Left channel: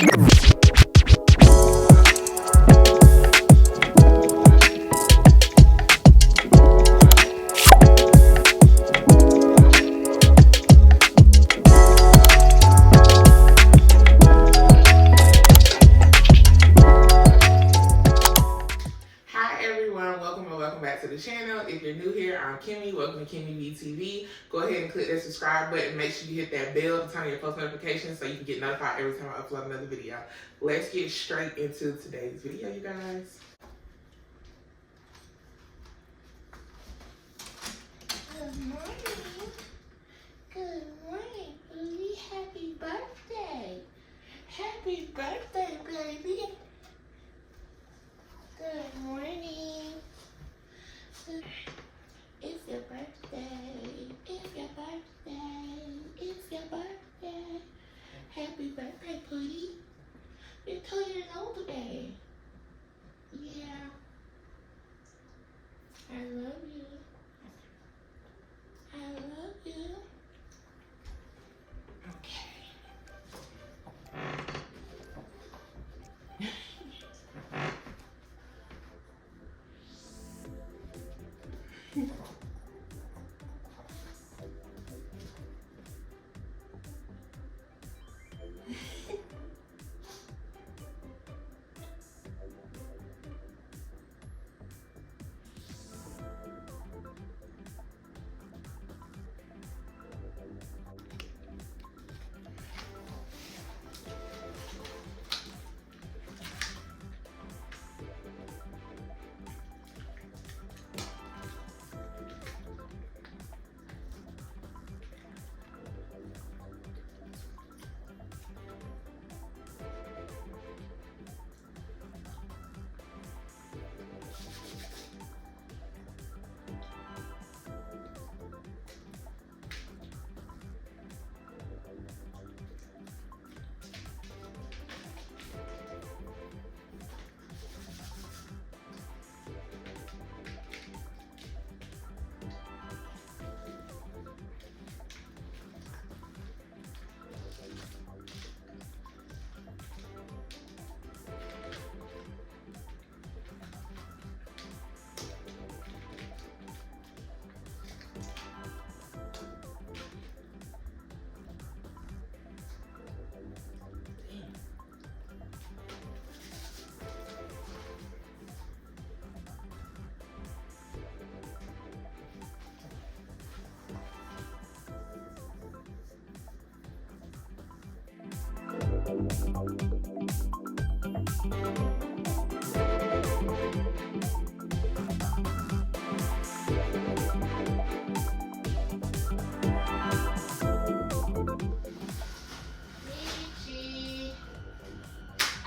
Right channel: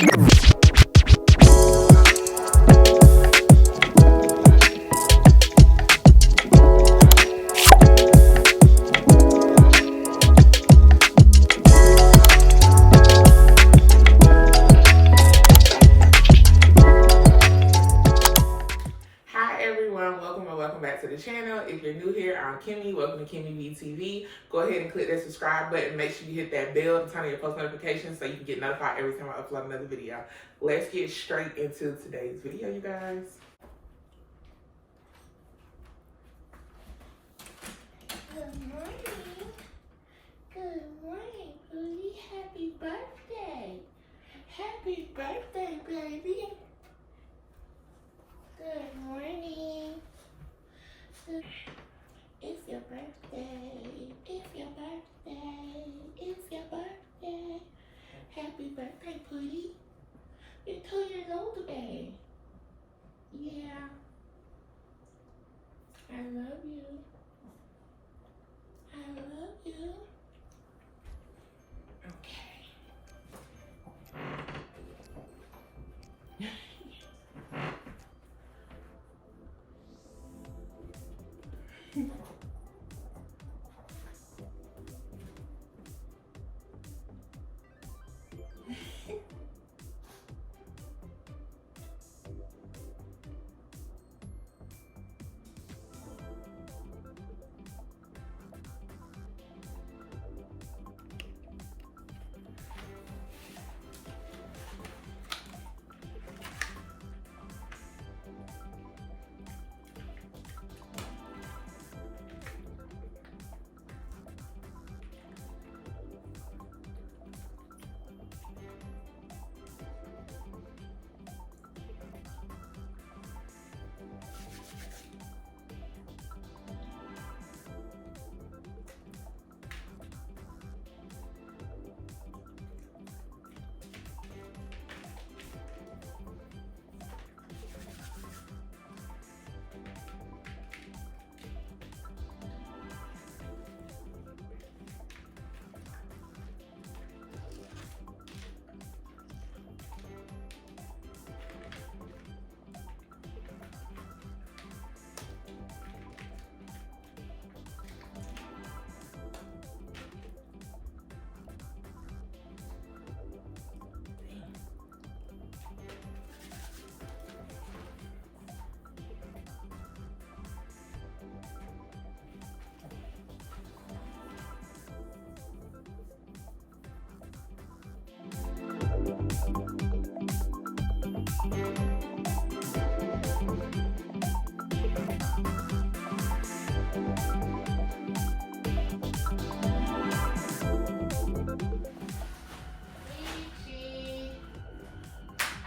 To the channel. If you're new here, I'm Kimmy. Welcome to Kimmiebeetv. Go ahead and click that subscribe button. Make sure you hit that bell to turn on your post notifications so you can get notified every time I upload another video. Let's get straight into today's video, you guys. Good morning. Good morning, Booty. Happy birthday. Happy birthday, baby. Good morning. It's your birthday. It's your birthday. It's your birthday. Happy birthday, Booty. You're 2 years old today. Yeah. I love you. I love you. Okay.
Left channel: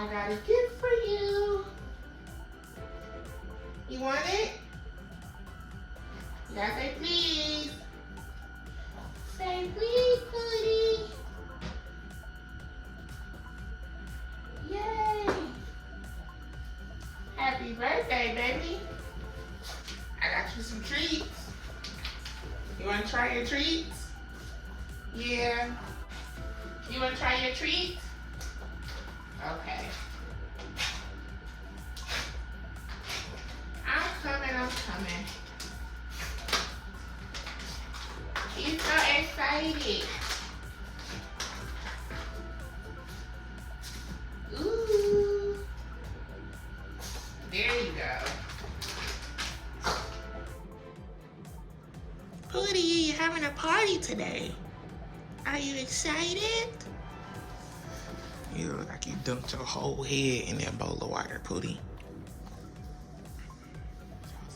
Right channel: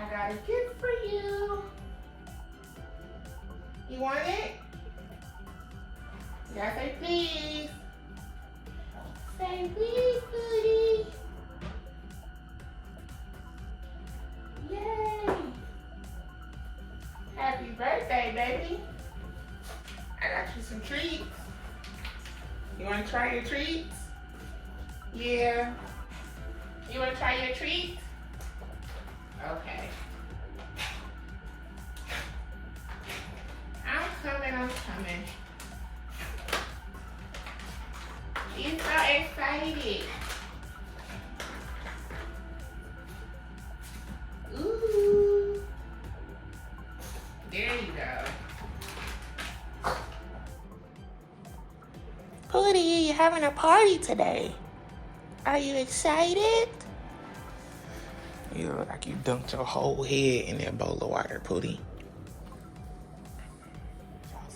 I got a gift for you. You want it? You gotta say please. Say please, Booty. Yay. Happy birthday, baby. I got you some treats. You wanna try your treats? Yeah. You wanna try your treats? Okay. I'm coming. He's so excited. Ooh. There you go. Pooty, you're having a party today. Are you excited? You look like you dunked your whole head in that bowl of water, Pooty.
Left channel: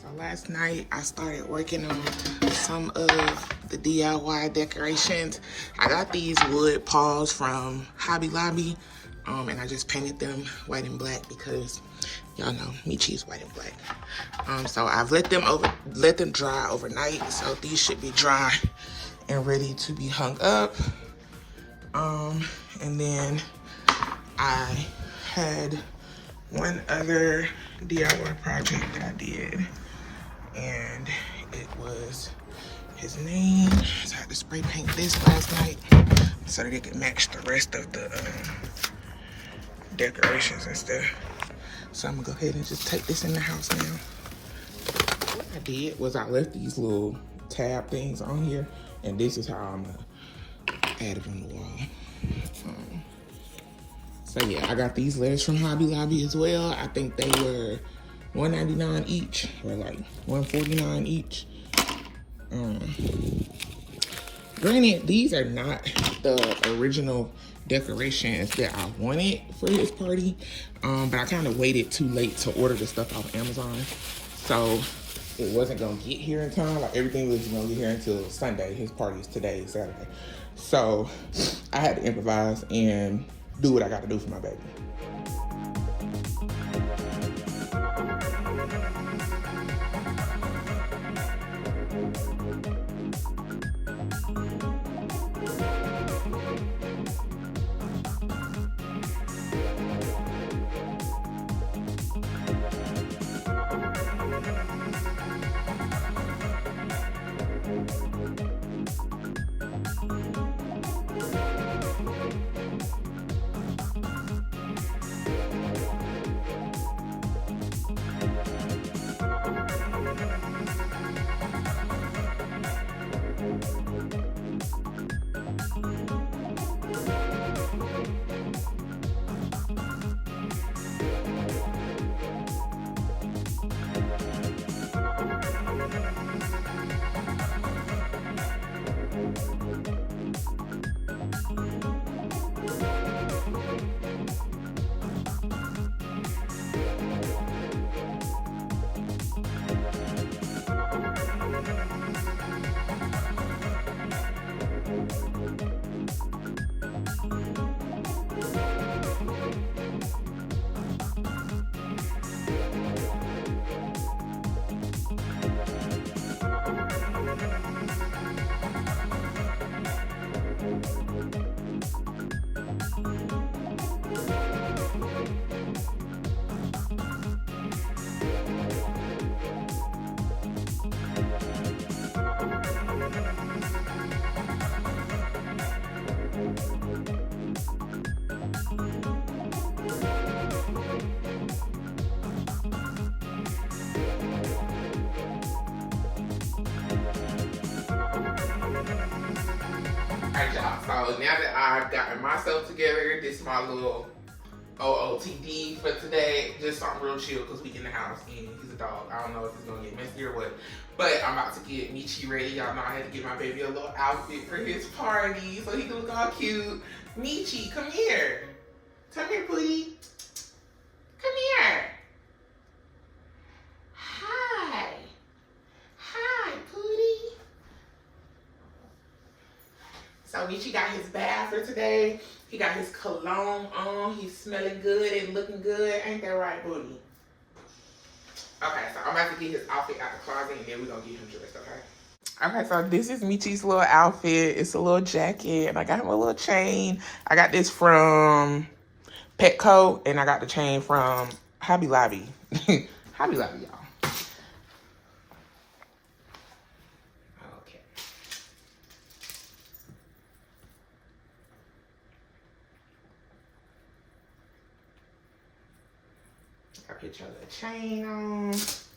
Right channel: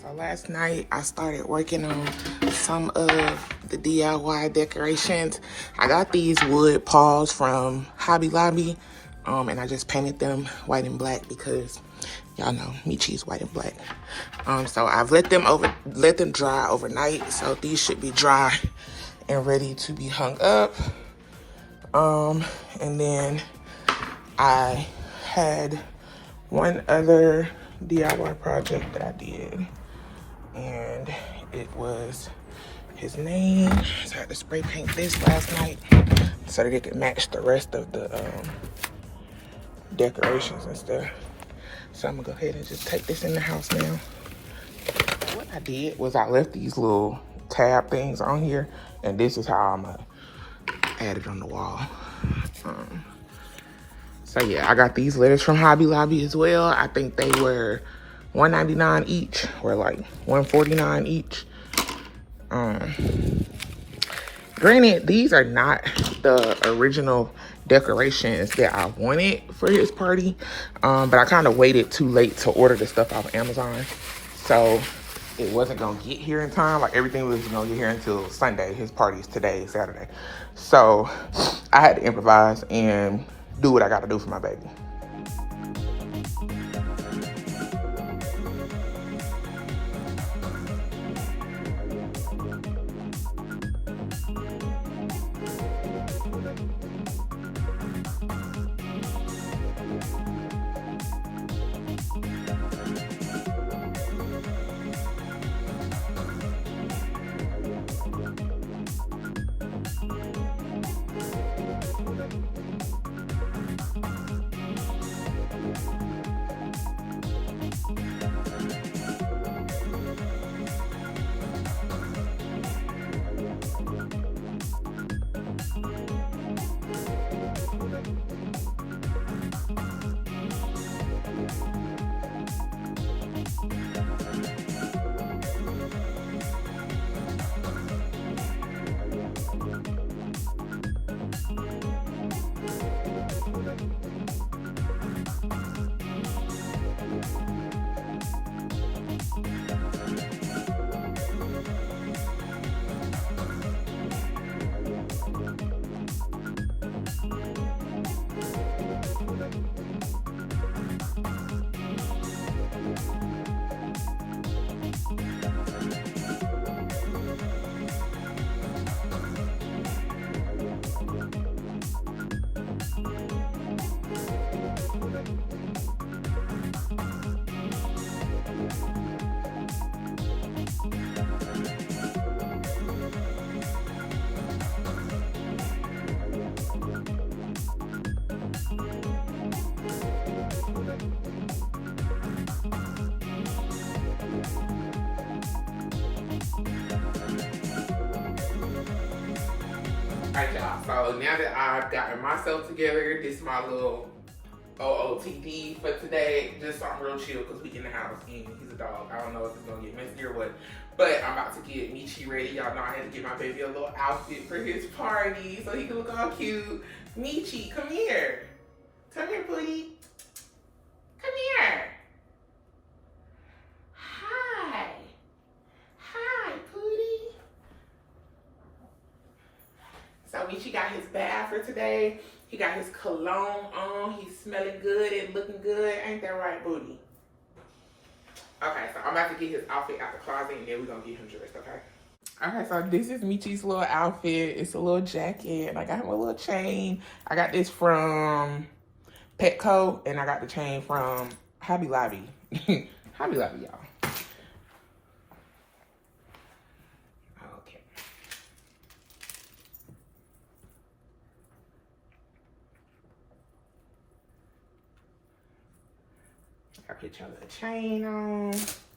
So last night I started working on some of the DIY decorations. I got these wood paws from Hobby Lobby, and I just painted them white and black because y'all know me choose white and black. So I've let them dry overnight. So these should be dry and ready to be hung up. And then I had one other DIY project that I did, and it was his name. So I had to spray paint this last night so that it could match the rest of the decorations and stuff. So I'm gonna go ahead and just take this in the house now. What I did was I left these little tab things on here, and this is how I'm gonna add it on the wall. So yeah, I got these letters from Hobby Lobby as well. I think they were $1.99 each, or like $1.49 each. Granted, these are not the original decorations that I wanted for his party, but I kind of waited too late to order the stuff off Amazon, so it wasn't gonna get here in time. Like, everything was gonna get here until Sunday. His party is today, Saturday, so I had to improvise and do what I gotta do for my baby. Alright, y'all, so now that I've gotten myself together, this is my little OOTD for today. Just so I'm real chill because we in the house and he's a dog. I don't know if it's gonna get messy or what, but I'm about to get Michi ready. Y'all know I had to get my baby a little outfit for his party so he can look all cute. Michi, come here. Come here, Pootie. Come here. Hi. Hi, Pootie. So Michi got his bath for today. He got his cologne on. He's smelling good and looking good. Ain't that right, Booty? Okay, so I'm about to get his outfit out the closet and then we're gonna get him dressed, okay? Okay, so this is Michi's little outfit. It's a little jacket and I got him a little chain. I got this from Petco and I got the chain from Hobby Lobby. Hobby Lobby, y'all. I put your little chain on.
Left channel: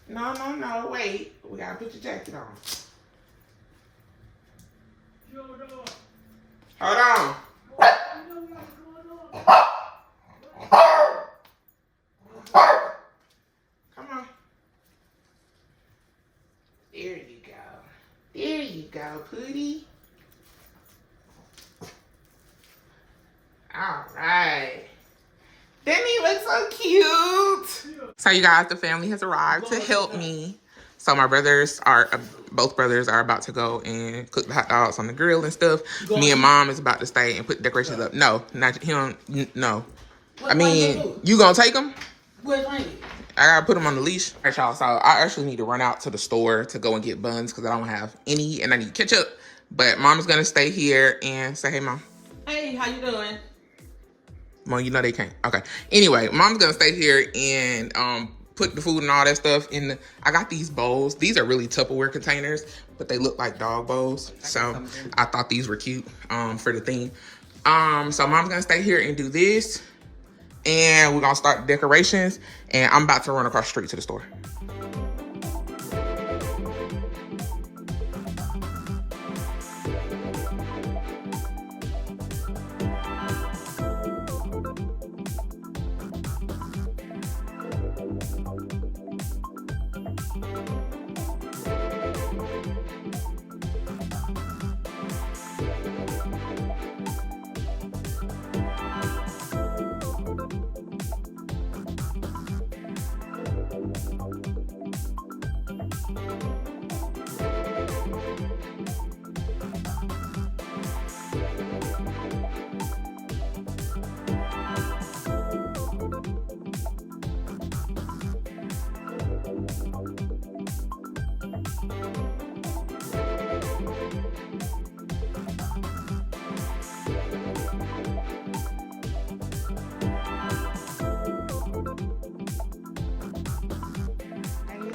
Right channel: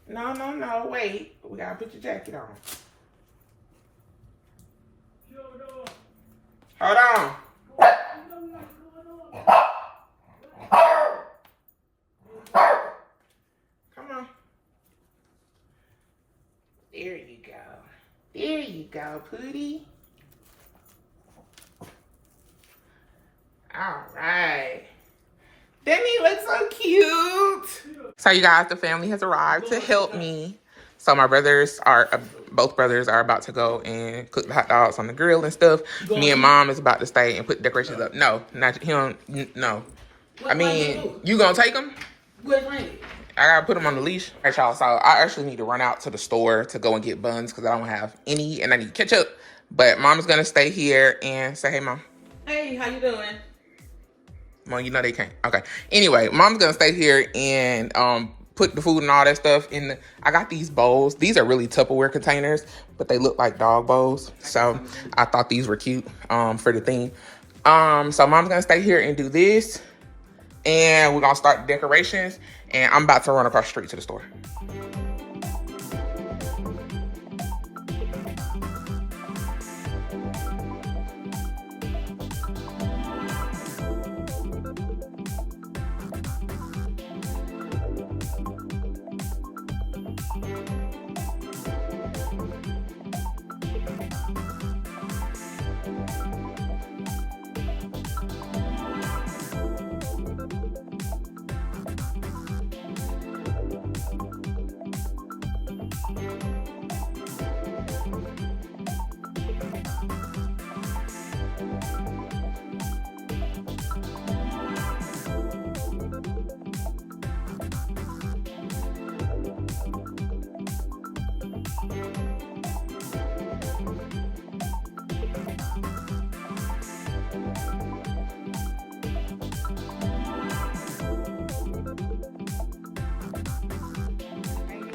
No, wait. We gotta put your jacket on. Hold on. Come on. There you go. There you go, Pootie. All right. Didn't he look so cute? So you guys, the family has arrived to help me. So my brothers are, both brothers are about to go and cook the hot dogs on the grill and stuff. Me and mom is about to stay and put the decorations up. No, not him, no. I mean, you gonna take them? I gotta put them on the leash. All right, y'all, so I actually need to run out to the store to go and get buns because I don't have any and I need ketchup. But mom is gonna stay here and say, hey, mom. Hey, how you doing? Well, you know they can't. Okay. Anyway, mom's gonna stay here and put the food and all that stuff in the, I got these bowls. These are really Tupperware containers, but they look like dog bowls. So I thought these were cute for the theme. So mom's gonna stay here and do this. and we're gonna start the decorations, and I'm about to run across the street to the store.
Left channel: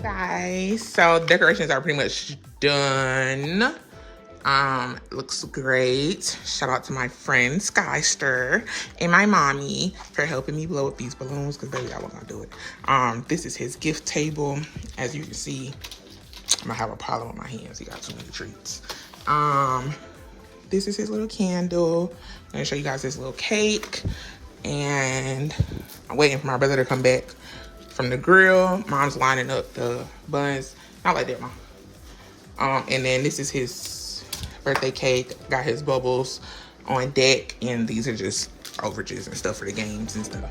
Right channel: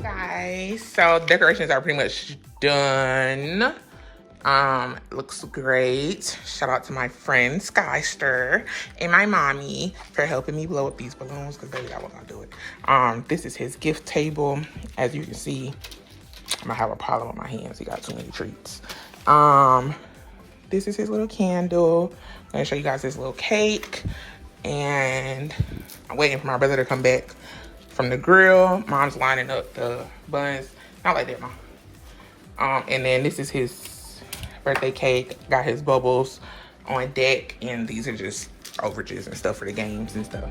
Guys, so decorations are pretty much done. Looks great. Shout out to my friend Skyster and my mommy for helping me blow up these balloons, because baby, I wasn't gonna do it. This is his gift table. As you can see, I'm gonna have a problem with my hands. He got too many treats. This is his little candle. I'm gonna show you guys this little cake, and I'm waiting for my brother to come back from the grill. Mom's lining up the buns. Not like that, Mom. And then this is his birthday cake. Got his bubbles on deck, and these are just overages and stuff for the games and stuff.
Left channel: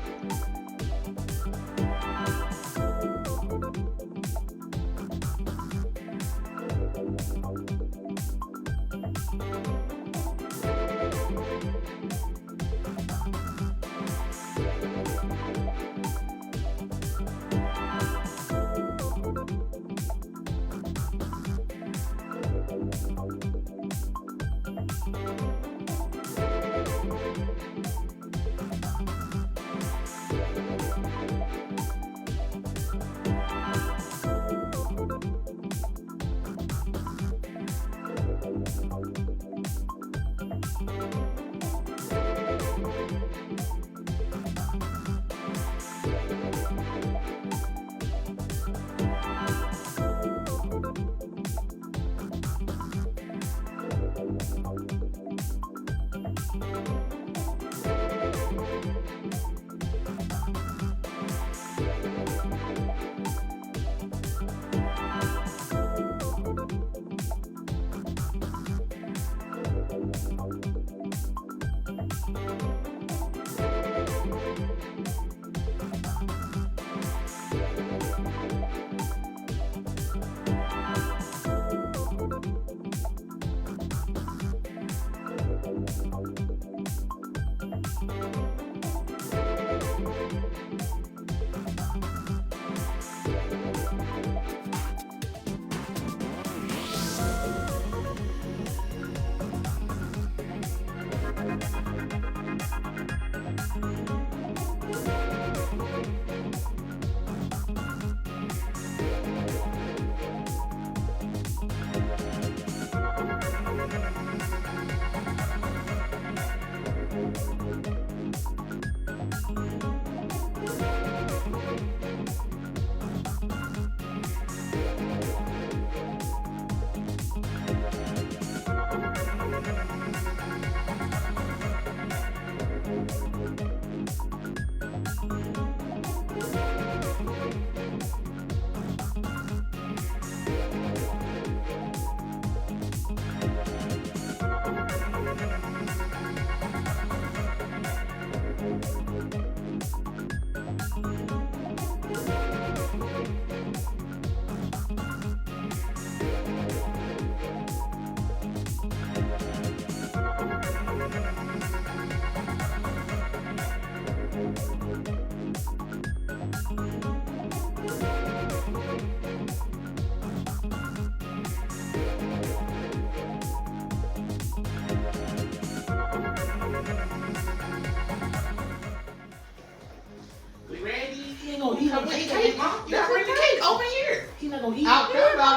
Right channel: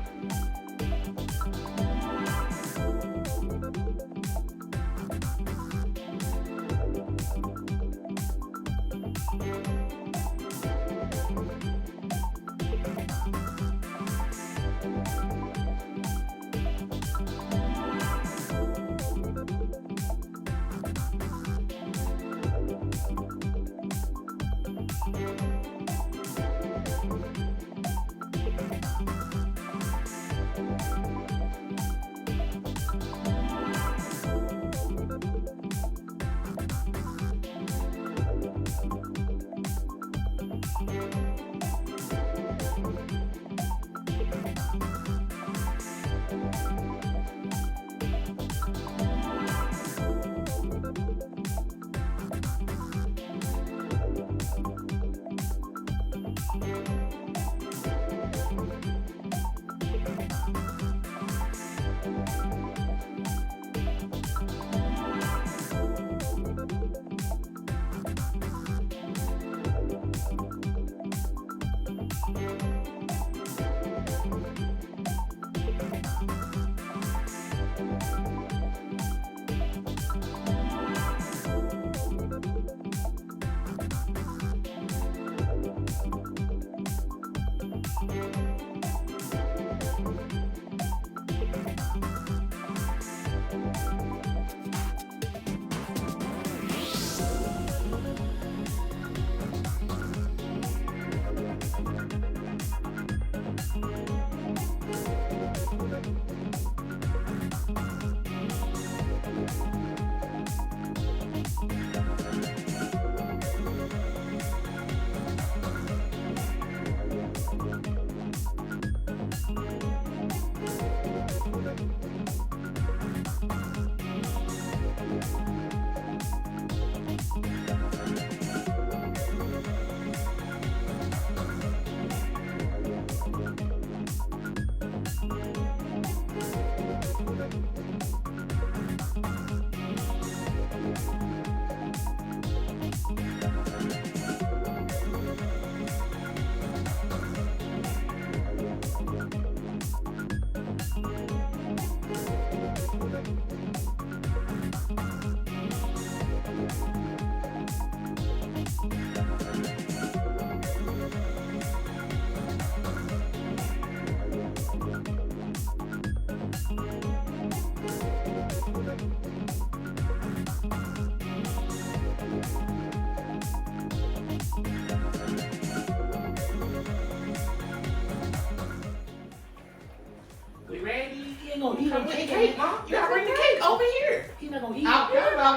Come with the cake, Mom. You gotta bring the cake over here. He's not gonna eat it. I'm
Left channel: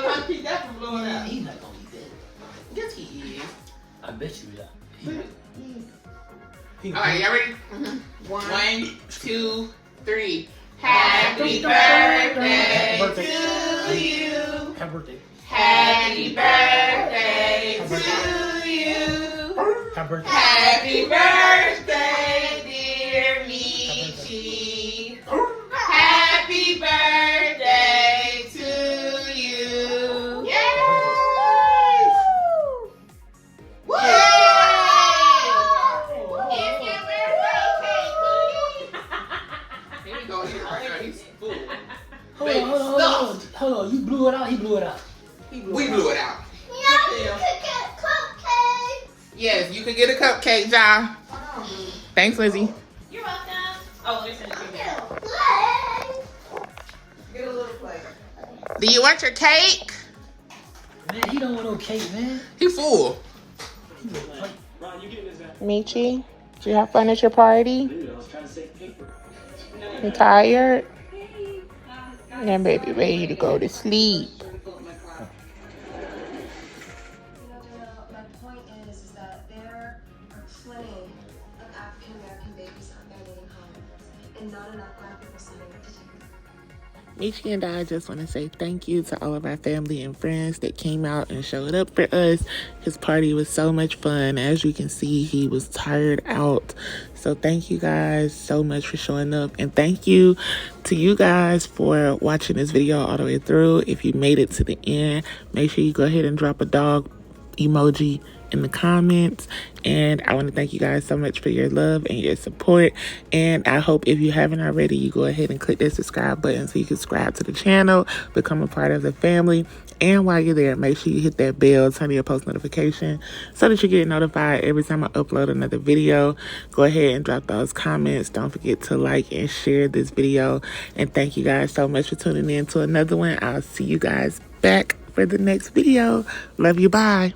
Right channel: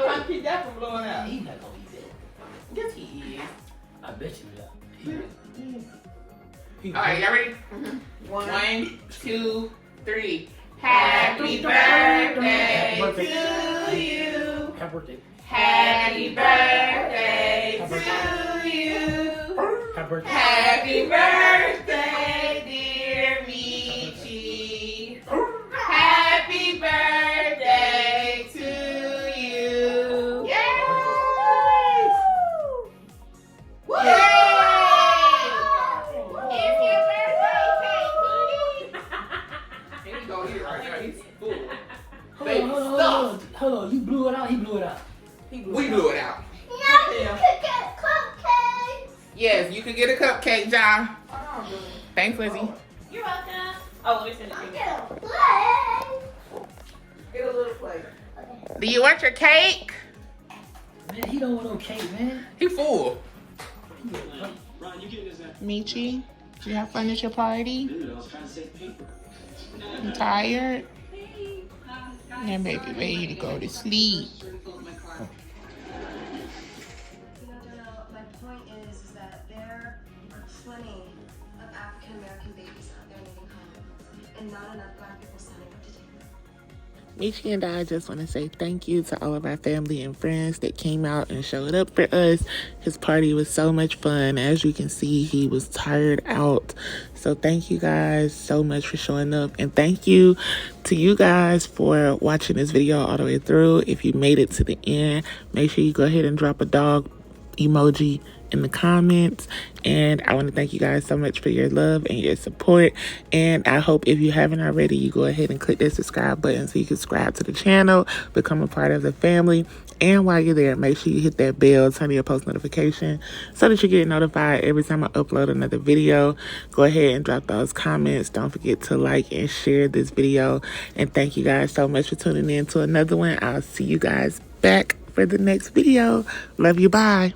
trying to keep that from blowing out. He's not gonna eat that. Yes, he is. I bet you will. All right, y'all ready? 1, 1, 2, 3. Happy birthday to you. Happy birthday. Happy birthday to you. Happy birthday. Happy birthday, dear Michi. Happy birthday to you. Yay! Yay! It's your birthday cake, Pootie. Here we go, here right now. He's full. Baby, stuffed. Hold on, you blew it out. He blew it out. We blew it out. Yes, you can get a cupcake, John. Thanks, Lizzie. You're welcome. Oh, let me send it to you. Get a little plate. Do you want your cake? Man, he don't want no cake, man. He full. Michi, did you have fun at your party? You tired? Yeah, baby, ready to go to sleep. My point is that there are plenty of African American babies out there needing home, and not enough Black people standing up to take them. Michi and I just want to say thank you to all of our family and friends that came out and showed up for us. His party was so much fun. As you can see, he was tired out. So thank you guys so much for showing up. And thank you to you guys for watching this video all the way through. If you made it to the end, make sure you go ahead and drop a dog emoji in the comments. And I want to thank you guys so much for your love and your support. And I hope if you haven't already, you go ahead and click that subscribe button so you can subscribe to the channel, become a part of the family. And while you're there, make sure you hit that bell, turn on your post notification so that you get notified every time I upload another video. Go ahead and drop those comments. Don't forget to like and share this video. And thank you guys so much for tuning in to another one. I'll see you guys back for the next video. Love you. Bye.